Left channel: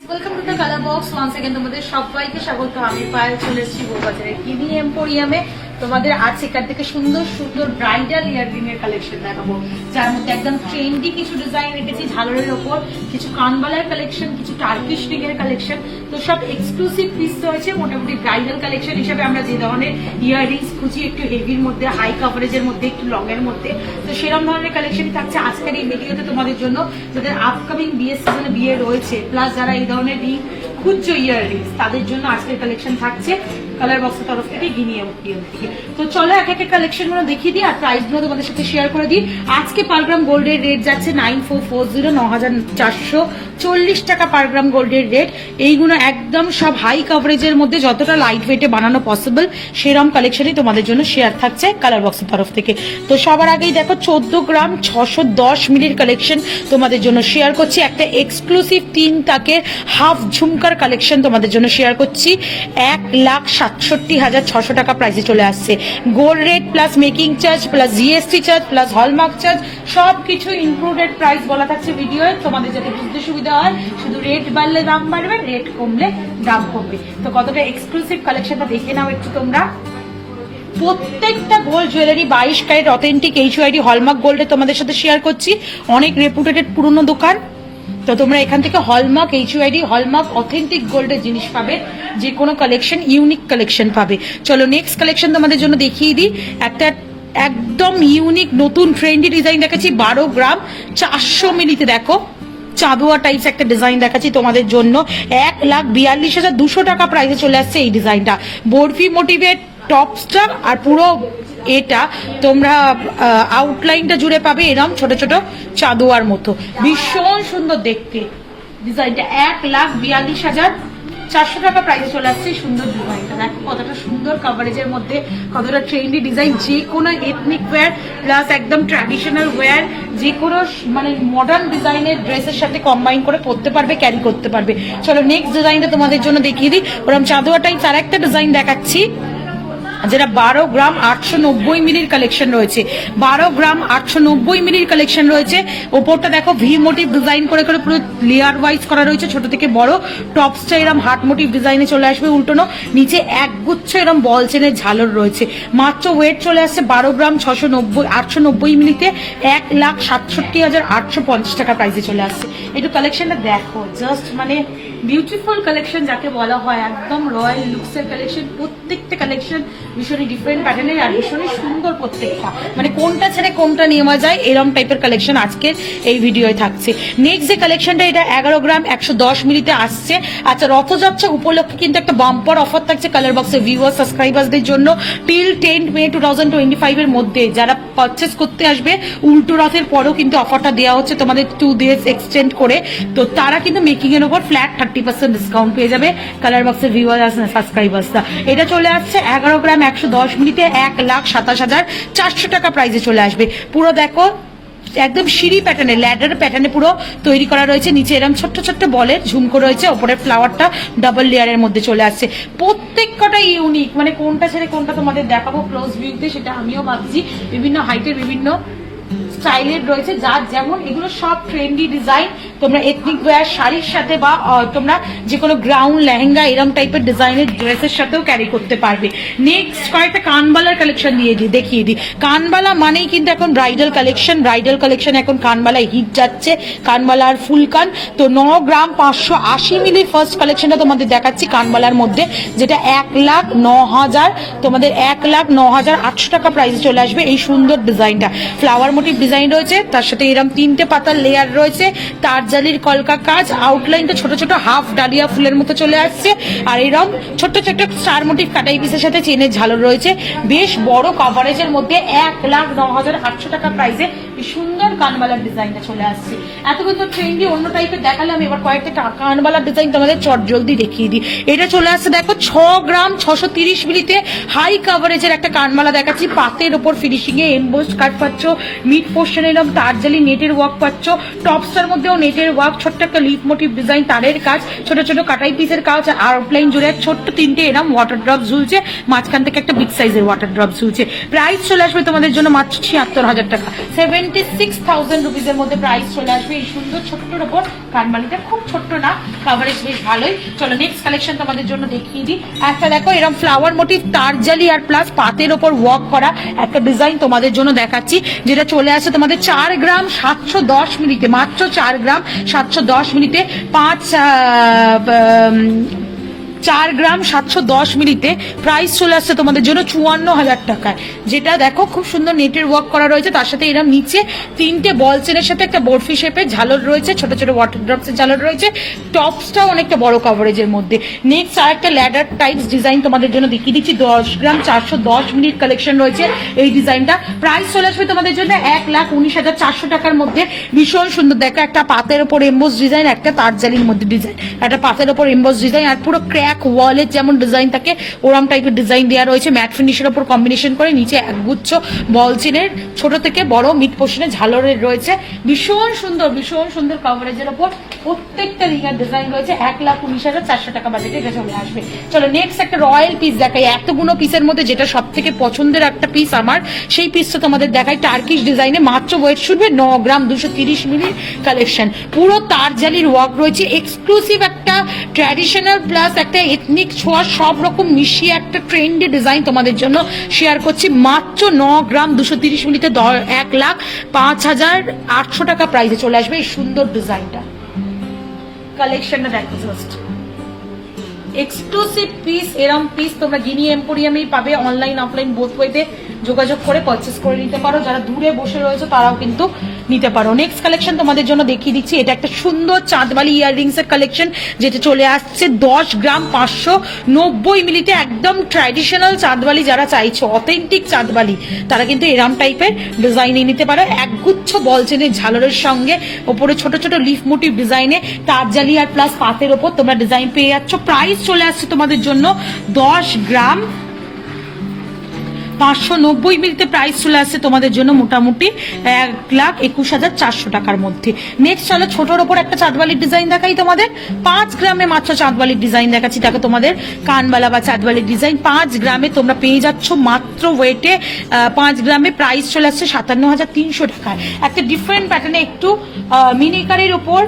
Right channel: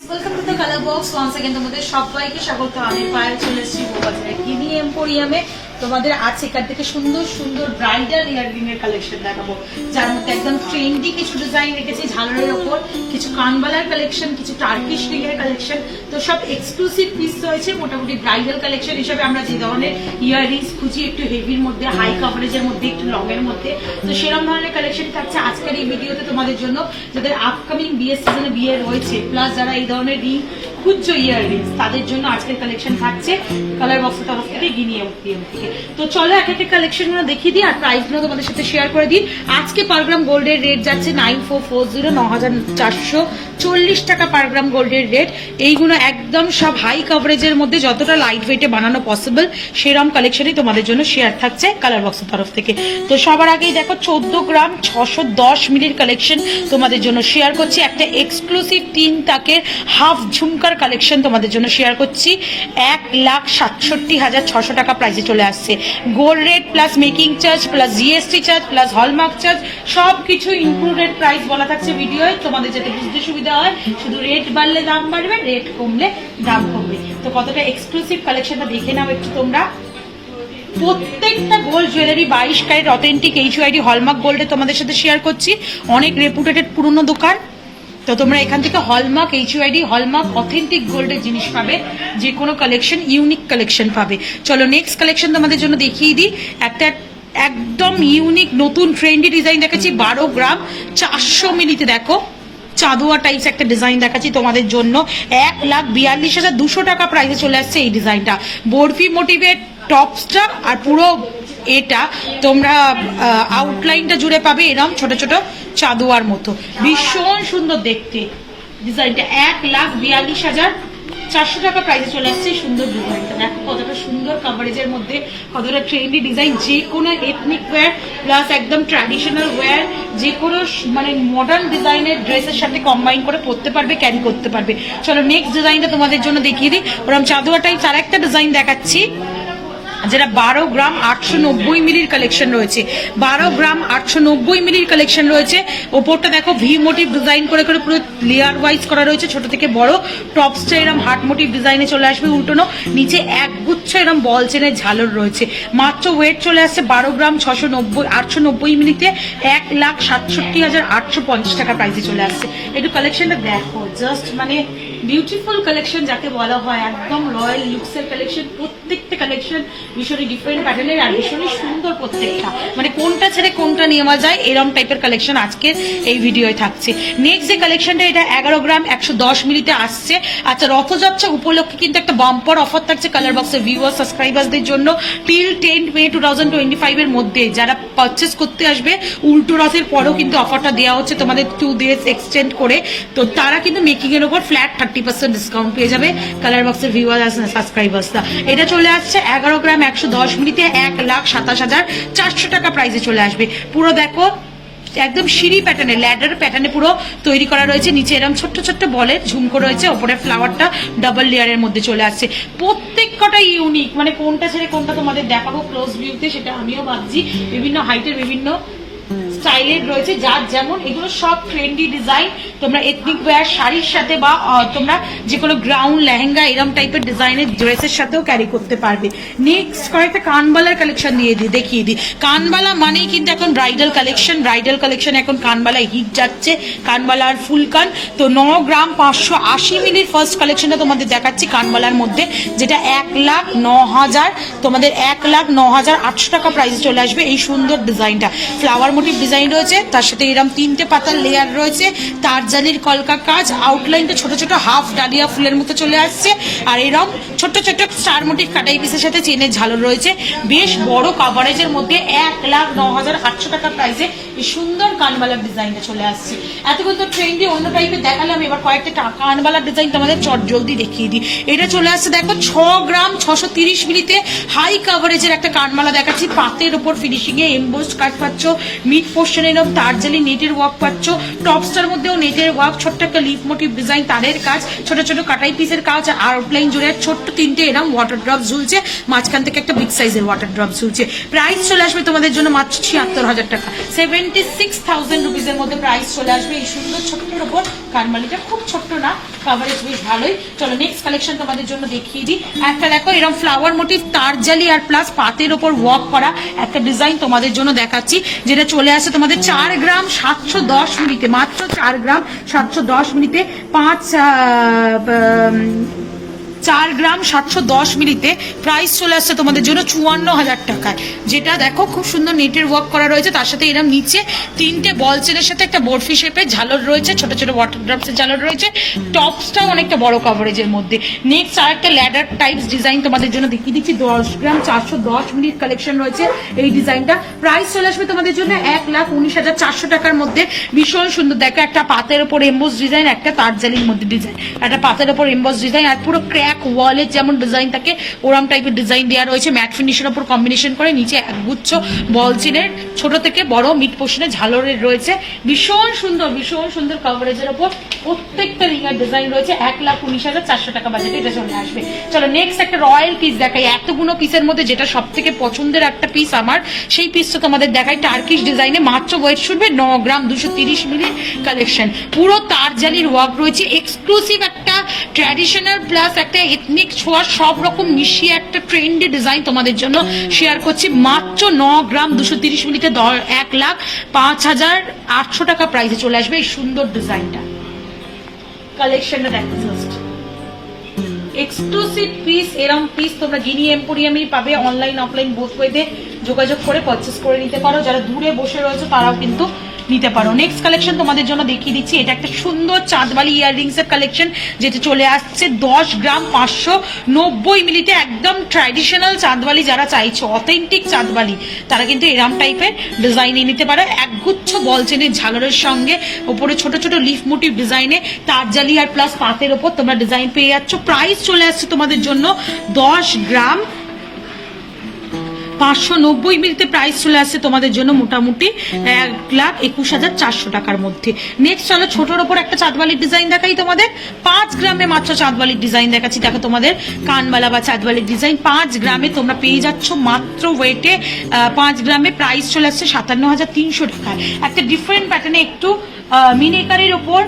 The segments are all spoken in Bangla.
Welcome to the colour box once again তোমাদের সবাইকে স্বাগত। আমি পায়ে চলে এসেছি বউবাজারে কিনি এম্পোরিয়ামে। তোমাদের আজ এখান থেকে সুন্দর সুন্দর ব্রাইডাল ইয়াররিং এর কালেকশন দেখাবো, যার মধ্যে একদম ট্রেন্ডি কিছু ডিজাইন রেখেছি ঝালরের ওপর, কিছু কানবালার কালেকশন, কিছু টার্কিশ রিং এর কালেকশন। তো সব এক্সক্লুসিভ পিস রয়েছে। মোটামুটি ব্রাইডাল কালেকশন হিসেবে আমরা যে ধরনের ইয়াররিংস খুঁজি, একটু হেভির মধ্যে, হাই কাভারেজের মধ্যে, একটু লং এর মধ্যে, তো সেরকম ধরনের কালেকশন থাকছে আজকের এই ভিডিওতে তোমাদের জন্য। যাদের আপকামিং বিয়ের সিজনে বিয়ে রয়েছে, প্লাস যারা এই ধরনের রিং খুঁজছো ইয়াররিংস, তাদের জন্য আজকের কালেকশন থাকছে কালার বক্সের তরফ থেকে, গিনি এম্পোরিয়াম থেকে। তো চলো এক এক কালেকশন গুলো দেখিয়ে দিই আর প্রাইস গুলো তোমাদের সাথে শেয়ার করে দিই। আজকে পার গ্রাম গোল্ডের রেট যাচ্ছে 9440, 9440 টাকা পার গ্রাম গোল্ডের রেট। এইগুলো একদম সব হাই কভারেজের মধ্যে, যতটা লাইট ওয়েটে বানানো পসিবল সেরকম কালেকশনই তোমাদের জন্য শেয়ার থাকছে কালার বক্সের তরফ থেকে। তো সবার আগেই দেখো 14 গ্রাম 610 মিলির কালেকশন তোমাদের জন্য শেয়ার করছি। একটা এক্সক্লুসিভ 3 টাকের হাফ ঝুমকার কালেকশন তোমাদের জন্য শেয়ার করছি। 1,67,600 টাকা প্রাইসে চলে আসছে। Gold rate plus making charge plus GST charge plus hallmark charge সবকিছু ইনক্লুডেড প্রাইস বলা থাকছে ভিডিওয়, তোমাদের যাতে বুঝতে সুবিধা হয়। শুধু রেট বাড়লে দাম বাড়বে, রেট কমলে দাম কমবে। তো কতটা এক্সক্লুসিভ কালেকশনটা দেখে নাও একটু তোমরা। প্রত্যেকটা gold jewellery 22 carat authentic HUID hallmark গোল্ডে তোমাদের সাথে শেয়ার করছি। অনেক রেপুটেড পুরনো দোকান, তো তোমরা এখান থেকে হলমার্ক এইচইউআইডি হলমার্ক অথেন্টিক গোল্ডের জিনিস পাবে, যে কোনো কালেকশন ইউনিক কালেকশন পাবে। চলো নেক্সট কালেকশন তোমাদের জন্য দেখিয়ে দিই। একটা একদম ইউনিক নতুন ট্রেন্ডি ডিজাইন দেখাচ্ছি 12 গ্রাম 400 মিলিতে। দেখো চাঁদুয়া টাইপস একটা ডিজাইন দেখাচ্ছি তোমাদের জন্য। 1,42,200 টাকা প্রাইসে চলে আসছে এই ডিজাইনটা। বরফি মোটিভের টপসটা আর পুরো এটা তোমরা আউটলাইনটা জুড়ে পাবে এরকম ছোট ছোট চাঁদুয়ার মতো, ভীষণ সুন্দর দেখতে ডিজাইনটা। 1,42,400 টাকা প্রাইসে চলে আসছে সুন্দর ডিজাইনটা। দেখো কতটা সুন্দর কাভারেজের মধ্যে, কতটা ট্রেন্ডি ডিজাইন। যে কোনো এথনিক ওয়্যার প্লাস একদম ট্র্যাডিশনাল ওয়্যার, যে কোনো মানে মডার্ন ডিজাইনের ড্রেসের সাথে কম্বাইন করে পরতে পারবে, ক্যারি করতে পারবে। চলো নেক্সট ডিজাইনটা তোমাদের জন্য দেখিয়ে দিই। ওরকম চাঁদুয়া টাইপস আর একটা ডিজাইন দেখাচ্ছি, যেটা 12 গ্রাম 890 মিলির কালেকশন রয়েছে। 12 গ্রাম 890 মিলির কালেকশন রয়েছে। ওপরটা দেখো ভি মোটিভ ডিজাইন করে করে পুরো লেয়ার ওয়াইজ করা রয়েছে, ছোট থেকে বড়। টপসটা এরকম হার্ট মোটিভ ডিজাইনে চলে আসবে উল্টোনো, নিচে একগুচ্ছ এরকম বল চেনের ঝালর রয়েছে। মাত্র ওয়েট চলে আসছে 12 গ্রাম 890 মিলিতে 1,67,850 টাকা প্রাইসে চলে আসছে। একটু কালেকশনটা দেখো, জাস্ট মানে বিউটিফুল কালেকশন যাকে বলা হয়, একদম রয়্যাল লুকসের কালেকশন। প্রত্যেকটা কালেকশন ভীষণই ডিফারেন্ট প্যাটার্নের আর ভীষণই সুন্দর প্রত্যেকটা, মানে কোনটা ছেড়ে কোনটা নেওয়া যায় এরকম টাইপের কালেকশন আজকে এই ভিডিওয় থাকছে। নেক্সট যে কালেকশনটা, এটা 11 গ্রাম 110 মিলিতে আসছে। আচ্ছা, রথযাত্রা উপলক্ষে কিন্তু একটা বাম্পার অফার থাকছে কালার বক্সের ভিউয়ার সাবস্ক্রাইবারদের জন্য। টিল 10 মে 2025 এর মধ্যে যারা পারচেস করতে আসবে, উল্টো রথের পরেও কিন্তু অফারটা দেওয়া হচ্ছে তোমাদের 2 days এক্সটেন্ড করে। তো তারা কিন্তু মেকিং এর উপর ফ্ল্যাট 30% ডিসকাউন্ট পেয়ে যাবে কালার বক্সের ভিউয়ার সাবস্ক্রাইবার্সরা। এটা চলে আসছে 11 গ্রাম 110 মিলিতে 1,27,400 টাকা প্রাইসে চলে আসবে। পুরো দেখো একদম সিঁড়ি প্যাটার্নে, ল্যাডার প্যাটার্নে পুরো তৈরি করা রয়েছে। নিচে এরকম ছোট্ট ছোট্ট বলের ঝুমকো রয়েছে, ওপরে ফ্লাওয়ারটা ডাবল লেয়ারের মধ্যে চলে আসছে। প্রত্যেক কটা ইউনিক, মানে কোনটা ছেড়ে কোনটা তোমাদের দেখাবো ক্লোজ ভিউতে সেটা আমিও ভাবছি। বিভিন্ন হাইটের বিভিন্ন স্টাইলের রয়েছে, যার যেমন। এগুলো সব ট্রেন্ডি ডিজাইন, তোমরা এথনিক ওয়্যার শাড়ির সাথে বা তোমরা যে কোনো গ্রাউন্ড লেহেঙ্গা এরকম টাইপের ডিজাইনের ড্রেসের সাথেও ক্যারি করতে পারবে। নেক্সট কয়েকটা কানবালার কালেকশন দেখিয়ে দিই। কানবালা মানেই কিন্তু এখন ব্রাইডাল কালেকশন। ব্রাইডাল কালেকশন এখন কানবালায় হিট যাচ্ছে, কানবালার ফুল কান। তো 9 গ্রাম 580 মিলির ফার্স্ট কালেকশনটা তোমাদের দেখাচ্ছি কানবালার মধ্যে, যেটা 1,09,000 তোমাদের 1,09,800 টাকা প্রাইসে চলে আসবে। এই সুন্দর ডিজাইনটা ফ্লাওয়ার মোটিভ ডিজাইন রয়েছে, তার সাথে এরকম 3টে পাতার লেয়ার রয়েছে, তারজালির কলকা কাজ, আউটলাইনটা ছোট ছোট হাফ ডালিয়া ফুলের মতো চলে আসছে, আর এরকম ছোট ছোট স্টার মোটিভ কাটাই পিসের সাথে চেনের ঝালর রয়েছে। বেশ বড় কাভারেজের মধ্যে 1,09,800 টাকা প্রাইসে এই সুন্দর কানবালার ডিজাইনটা চলে আসছে। এতক্ষণ তো ট্রেন্ডি অন্য টাইপের দেখালাম, এবার কয়েকটা কানবালার ডিজাইন তোমাদের চট জলদি দেখিয়ে দিই। এটা চলে আসছে দেখো 6 গ্রাম 630 মিলিতে হাই কাভারেজের একটা কানবালা দেখাচ্ছি। পাতের ওপর ফিনিশিং এ এমবোসড কাট পাচ্ছ, মিড পোর্শন এরকম তারজালি নেটের ওয়ার্ক পাচ্ছ। টপসটার মধ্যেও নেটের ওয়ার্ক, ছোট্ট একটা লিফ মোটিভ ডিজাইন, তারের কাজ, ছোট ছোট কাটাই পিসের কাজ, আর আউটলাইন জুড়ে ছোট্ট 3টে এরকম ওয়াটার ড্রপ ঝুলছে, মাঝখান থেকে একটা বিগ সাইজের ওয়াটার ড্রপ ঝুলছে। প্রাইস চলে আসবে তোমাদের জন্য মাত্র 76,000 টাকা। 7 76,000 রুপিসের মধ্যে প্রাইস চলে আসবে এই সুন্দর ছোট্টর ওপর। কানবালিটা খুব ছোট্ট না, কাভারেজ বেশ ভালোই। চলো নেক্সট কালেকশন তোমাদের জন্য দেখিয়ে দিই। একটা দেখো এরকম ফ্লাওয়ার মোটিভ তারজালি আর প্লাস পাতের ওপর ওয়ার্ক করা একটা ডিজাইন তোমাদের জন্য দেখাচ্ছি, যেটা চলে আসে তোমাদের 4 গ্রাম 710 মিনিটে, মাত্র 4 গ্রাম 710 মিনিটে 4 গ্রাম 710 মিলিতে প্রাইস চলে আসছে তোমাদের জন্য 54,000 টাকায়। যেটা দেখো খুব সুন্দর নেটের ওয়ার্ক করা রয়েছে, তার সাথে এরকম নিচে 3টে বল চেনের সাথে একটা বরফি শেপের ঝালর রয়েছে, ছোট ছোট ওয়াটার ড্রপসের ঝালর রয়েছে, টপসটাও অনেকটা বড় কভারেজের মধ্যে। নেক্সট আর একটা ল্যাডার টাইপস ডিজাইন তোমাদের জন্য দেখিয়ে দিচ্ছি। 10 গ্রাম 410 মিনিট কালেকশন রয়েছে এই ডিজাইনটা। প্রাইস চলে আসবে তোমাদের জন্য 1,19,400 টাকার মধ্যে। ভীষণ সুন্দর দেখো, একটা পাতের ওপর এমবোস ডিজাইন, একটা তারজালির মধ্যে ডিজাইন, একটা পাতের ওপর এমবোস ডিজাইন, আর পুরো ক্র্যাক ওয়ালের যেমন ডিজাইন থাকে ওরম টাইপের ডিজাইন দেওয়া রয়েছে ম্যাট ফিনিশের উপর কম্বিনেশন করে। নিচে একগুচ্ছ বল চেনের ছোট থেকে বড় মিড পোর্শনে ঝালরের রয়েছে। ভীষণ সুন্দর কভারেজের ওপর প্রত্যেকটা রিঙের ডিজাইন রয়েছে। 1,19,400 টাকা বাজেটে এটা চলে আসবে। চলো নেক্সট একটা রয়্যাল পিস দেখাই। এতগুলো পিসের মধ্যে যেটা সব থেকে পছন্দের একটা পিস আমার, সেই পিসটা তোমাদের দেখাই। টার্কিশ ডিজাইনে মাত্র ওয়েট শুনবে 9 গ্রাম 230 মিলি কালেকশন। পুরো তারজালির ওয়ার্ক রয়েছে, এক্সক্লুসিভ একটা ট্র্যাডিশনাল প্লাস একটা এথনিক ছোঁয়া সব রকম মিশিয়ে একটা ট্রেন্ডি ডিজাইন তোমাদের জন্য শেয়ার করছি। মাত্র 9 গ্রাম 230 মিলিতে 1,05,800 টাকা প্রাইসে চলে আসবে এই সুন্দর ডিজাইনটা। কালেকশনটা দেখো জাস্ট এক্সক্লুসিভ পিস। এরম পিস তোমরা গিনি এম্পোরিয়ামেই পাবে, অনলাইন অফলাইন বোথ ওয়েতে যোগাযোগ করে পারচেস করে নিতে পারো। যারা দূরে বসে রয়েছে তারাও কিন্তু নিতে পারো। নেক্সট কালেকশন তোমাদের জন্য দেখিয়ে দিচ্ছি। এটা একটা সুন্দর চাঁদবালি ইয়াররিংস এর কালেকশন, যেটা চলে আসছে 10 গ্রাম 590 মিলিতে। একদম ট্র্যাডিশনাল চাঁদবালি যারা চাইছো, অথেন্টিক চাঁদবালি, তারা কিন্তু এরম টাইপের ডিজাইনে নিতে পারো। একগুচ্ছ বলচেনের ঝালরের সঙ্গে ওপরে ছোট ছোট লিফ মোটিভ ডিজাইনে তারজালি আর প্লাস পাতের ওপর তোমরা ডিজাইন পেয়ে যাচ্ছ। প্রাইস চলে আসছে তোমাদের জন্য 10 গ্রাম 590 মিলিতে প্রাইস চলে আসছে তোমাদের জন্য মোটামুটি 1,21,400 টাকার মধ্যে। নেক্সট চলো ছোটর ওপর একটা চাঁদবালির ডিজাইন দেখাই তোমাদের। 5 গ্রামে মাত্র চাঁদবালির ডিজাইন দেখাচ্ছি। দেখো তোমাদের কানবালা বা চাঁদবালির ডিজাইন 5 গ্রামে তোমরা পেয়ে যাচ্ছ মাত্র ওয়েটে। 5 গ্রামে প্রাইস চলে আসছে 57,300 টাকায়। একটা ডিফারেন্ট প্যাটার্নে একটু মিনিকারের ওপর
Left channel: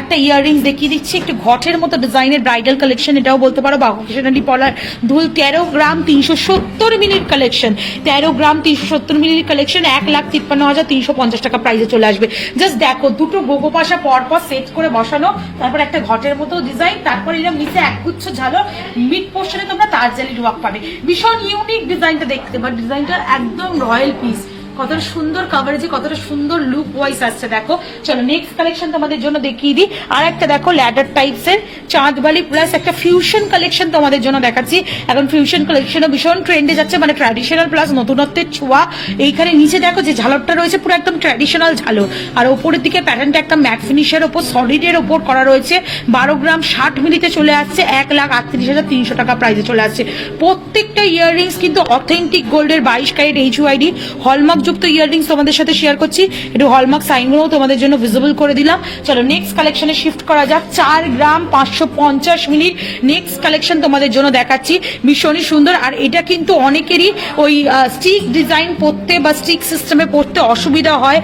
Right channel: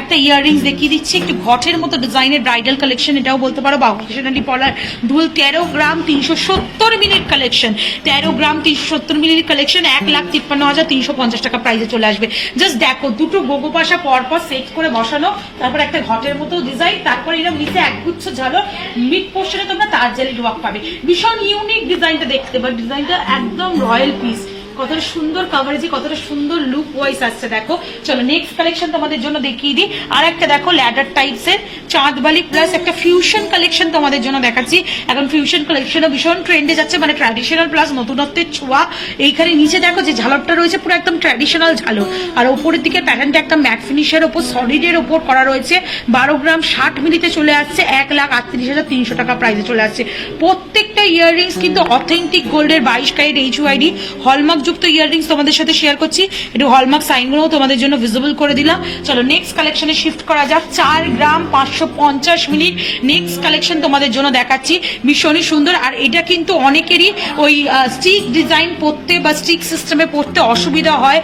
একটা ইয়াররিংস দেখিয়ে দিচ্ছি, একটু ঘটের মতো ডিজাইনের ব্রাইডাল কালেকশন এটাও বলতে পারো, বা অকেশনালি পলার দুল। 13 গ্রাম 370 মিনিট কালেকশন, 13 গ্রাম 370 মিনিট কালেকশন 1,53,350 টাকা প্রাইসে চলে আসবে। জাস্ট দেখো দুটো গোগো পাশা পরপর সেট করে বসানো, তারপর একটা ঘটের মতো ডিজাইন, তারপর এরকম নিচে একগুচ্ছ ঝালর, মিড পোর্শনে তোমরা তারজালি ওয়ার্ক পাবে। ভীষণ ইউনিক ডিজাইনটা দেখতে, বাট ডিজাইনটা একদম রয়্যাল পিস। কতটা সুন্দর কাভারেজে, কতটা সুন্দর লুক ওয়াইজ আসছে দেখো। চলো নেক্সট কালেকশন তোমাদের জন্য দেখিয়ে দিই। আর একটা দেখো ল্যাডার টাইপস এর চাঁদবালি প্লাস একটা ফিউশন কালেকশন তোমাদের জন্য দেখাচ্ছি। এখন ফিউশন কালেকশনও ভীষণ ট্রেন্ডে যাচ্ছে, মানে ট্র্যাডিশনাল প্লাস নতুনত্বের ছোঁয়া। এইখানে নিচে দেখো যে ঝালরটা রয়েছে পুরো একদম ট্র্যাডিশনাল ঝালর, আর ওপরের দিকে প্যাটার্নটা একটা ম্যাট ফিনিশের ওপর সলিডের ওপর করা রয়েছে। 12 গ্রাম 60 মিলিতে চলে আসছে 1,38,300 টাকা প্রাইসে চলে আসছে। প্রত্যেকটা ইয়াররিংস কিন্তু অথেন্টিক গোল্ডের 22 ক্যারেট HUID হলমার্ক যুক্ত ইয়াররিংস তোমাদের সাথে শেয়ার করছি। একটু হলমার্ক সাইনগুলোও তোমাদের জন্য ভিজিবল করে দিলাম। চলো নেক্সট কালেকশনে শিফট করা যাক। 4 গ্রাম 550 মিনিট নেক্সট কালেকশন তোমাদের জন্য দেখাচ্ছি। ভীষণই সুন্দর, আর এটা কিন্তু অনেকেরই ওই স্টিক ডিজাইন পরতে বা স্টিক সিস্টেমে পরতে অসুবিধা হয়,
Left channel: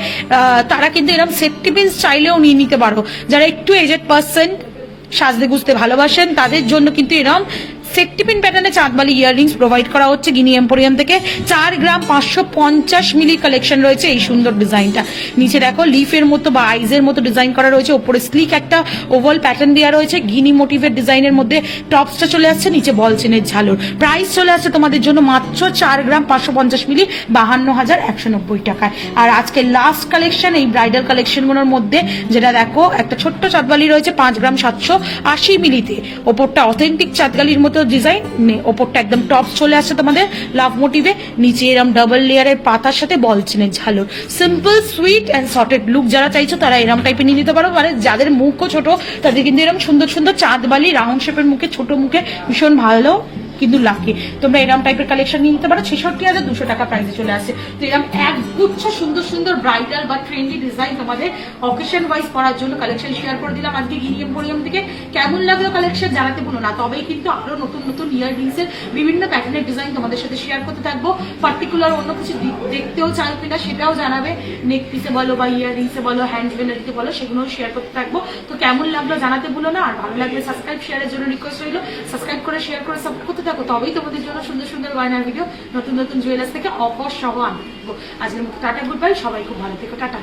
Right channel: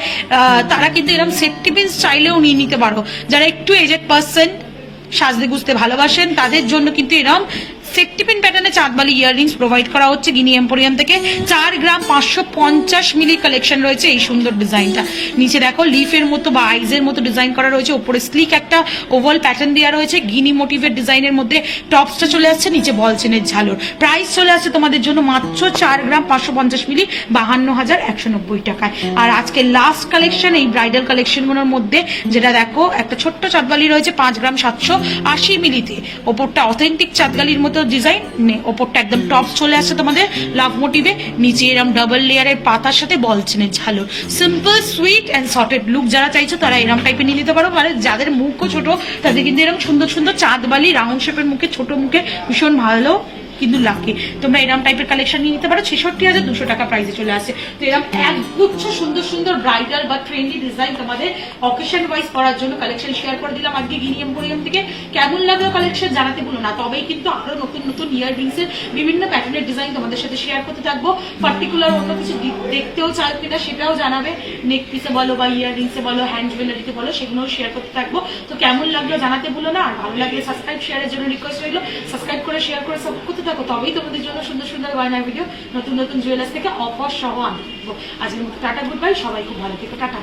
তারা কিন্তু এরকম সেফটি পিন চাইলেও নিয়ে নিতে পারো। যারা একটু এজেড পার্সন, সাজতে গুজতে ভালোবাসেন, তাদের জন্য কিন্তু এরকম সেফটি পিন প্যাটার্নে চাঁদবালি ইয়াররিংস প্রোভাইড করা হচ্ছে গিনি এম্পোরিয়াম থেকে। 4 গ্রাম 550 মিলি কালেকশন রয়েছে এই সুন্দর ডিজাইনটা। নিচে দেখো লিফের মতো বা আইজের মতো ডিজাইন করা রয়েছে, ওপরে স্লিক একটা ওভাল প্যাটার্ন দেওয়া রয়েছে গিনি মোটিভের ডিজাইনের মধ্যে। টপসটা চলে আসছে, নিচে বল চেনের ঝালর। প্রাইস চলে আসছে তোমাদের জন্য মাত্র 4 গ্রাম 550 মিলি 52,190 টাকায়। আর আজকে লাস্ট কালেকশন এই ব্রাইডাল কালেকশনগুলোর মধ্যে, যেটা দেখো একটা ছোট্ট চাঁদবালি রয়েছে 5 গ্রাম 780 মিলিতে। ওপরটা অথেন্টিক চাঁদবালির মতো ডিজাইন, ওপরটা একদম টপস চলে আসছে তোমাদের লাভ মোটিভে, নিচে এরকম ডাবল লেয়ারের পাতার সাথে বল চেনের ঝালর। Simple sweet and sorted look যারা চাইছো তারা এরকম টাইপে নিয়ে নিতে পারো। মানে যাদের মুখও ছোট তাদের কিন্তু এরকম সুন্দর সুন্দর চাঁদবালি রাউন্ড শেপের মুখে, ছোট মুখে ভীষণ ভালো কিন্তু লাকি। তোমরা এরকম টাইপের কালেকশন নিয়ে নিতে পারো, 66,200 টাকা প্রাইসে চলে আসে। তো এরকম এক গুচ্ছ সুন্দর সুন্দর ব্রাইডাল বা ট্রেন্ডি ডিজাইন তোমাদের অকেশন ওয়াইজ করার জন্য কালেকশন শেয়ার করে দিলাম আজকে গিনি এম্পোরিয়াম থেকে। কেমন লাগলো কালেকশন জানাতে ভুলো না। তবেই কিন্তু আরো নতুন নতুন ইয়াররিংস এর বিভিন্ন প্যাটার্নের ডিজাইন তোমাদের সাথে শেয়ার করতে থাকবো। পার্টিকুলার অন্য কিছু দেখতেও চাও কিনা সেটাও জানাবে, নেক পিসে বলো বা ইয়াররিংসে বলো, হ্যান্ড জুয়েলারিতে বলো, সেগুলোও শেয়ার করতে থাকবো। তো কেমন লাগলো জানাতে ভুলো না। আর ভালো লাগলে সাবস্ক্রাইব শেয়ারের জন্য রিকোয়েস্ট রইলো, সাবস্ক্রাইব করে শেয়ার করে সাপোর্ট করতে থাকো। তবেই তোমাদের জন্য সুন্দর সুন্দর গয়নার ভিডিও নতুন নতুন জুয়েলার্স থেকে অফার সহ আনবো। আজকের মতো টাটা, গুড বাই, সবাই খুব ভালো থেকো, টাটা।